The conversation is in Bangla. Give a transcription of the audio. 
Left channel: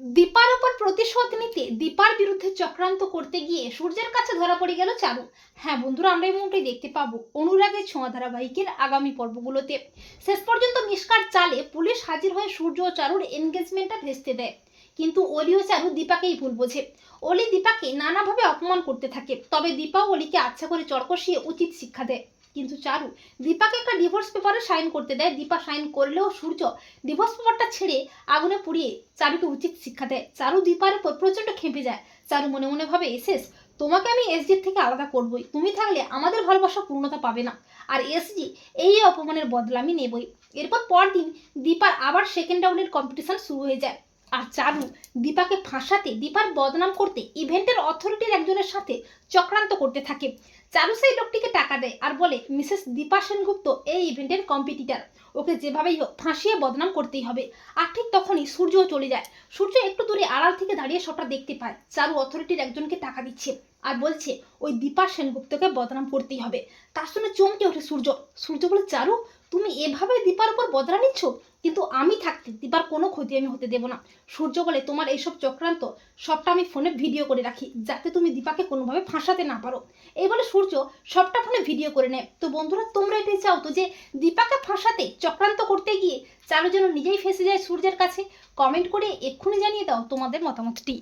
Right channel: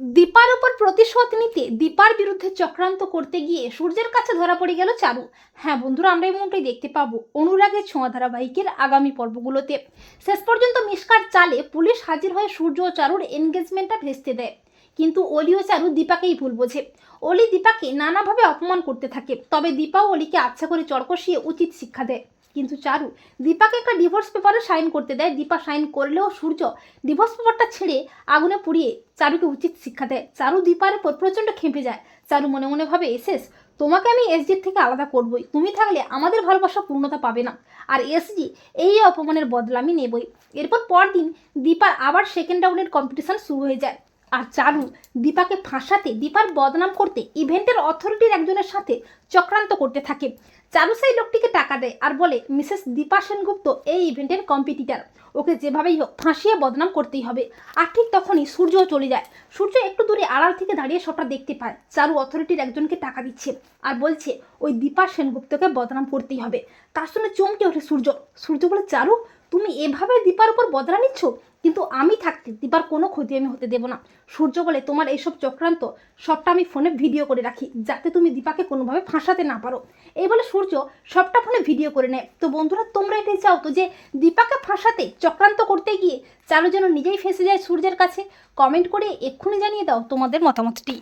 দীপার ওপর প্রতিশোধ নিতে দীপার বিরুদ্ধে চক্রান্ত করতে গিয়ে সূর্যের কাছে ধরা পড়ে গেল চারু। হ্যাঁ বন্ধুরা, আমরা মুহূর্তে দেখতে পাবো অনুরাগের ছোঁয়া ধারাবাহিকের আগামী পর্বগুলোতে। শেষ পর্যন্ত মিসকার চালে পুলিশ হাজির হয়ে সূর্য ও চারুর এনগেজমেন্টটা ভেস্তে দেয়। কিন্তু অলি ও চারু দীপাকেই ভুল বোঝে। অলি দীপাকে নানাভাবে অপমান করতে থাকে, তবে দীপা অলিকে আচ্ছা করে চড় কষিয়ে উচিত শিক্ষা দেয়। কিন্তু চারু, দীপাকে একটা ডিভোর্স পেপারে সাইন করতে দেয়। দীপা সাইন করলেও সূর্য ডিভোর্স পেপারটা ছেড়ে আগুনে পুড়িয়ে চারুকে উচিত শিক্ষা দেয়। চারু দীপার উপর প্রচণ্ড খেপে যায়। চারু মনে মনে ভাবে এসেস তোমাকে আমি এসজির থেকে আলাদা করবই। তুমি থাকলে আমাদের ভালোবাসা পূর্ণতা পাবে না। আর এসজি এই অপমানের বদলা আমি নেবই। এরপর পরদিন দীপার আবার সেকেন্ড রাউন্ডের কম্পিটিশন শুরু হয়ে যায়। আর চারু দীপাকে ফাঁসাতে, দীপার বদনাম করতে ইভেন্টের অথরিটির একজনের সাথে চক্রান্ত করতে থাকে। চারু সেই লোকটিকে টাকা দেয়। আর বলে, মিসেস দীপা সেনগুপ্ত এই ইভেন্টের কম্পিটিটার ওকে যেভাবেই হোক ফাঁসিয়ে বদনাম করতেই হবে। আর ঠিক তখনই সূর্যও চলে যায়। সূর্য একটু দূরে আড়াল থেকে দাঁড়িয়ে সবটা দেখতে পায়। চারু অথরিটির একজনকে টাকা দিচ্ছে আর বলছে, ওই দীপা সেনগুপ্তকে বদনাম করতেই হবে। তার শুনে চমকে ওঠে সূর্য। সূর্য বলে, চারু, তুমি এভাবে দীপার উপর বদলা নিচ্ছ? কিন্তু আমি থাকতে দিবার কোনো ক্ষতি আমি হতে দেবো না। সূর্য বলে, তোমার এইসব চক্রান্ত, সবটা আমি ফোনে ভিডিও করে রাখি, যাতে তুমি দীপাকে কোনোভাবে ফাঁসাতে না পারো। এই বলে সূর্য সবটা ফোনে ভিডিও করে নেয়। তো বন্ধুরা, তোমরা এটাই চাও তো যে দীপাকে ফাঁসাতে, চক্রান্ত করতে গিয়ে চালু যেন নিজেই ফেঁসে যায় সূর্যের কাছে? কমেন্ট করে এক্ষুনি জানিয়ে দাও তোমাদের মতামতটি।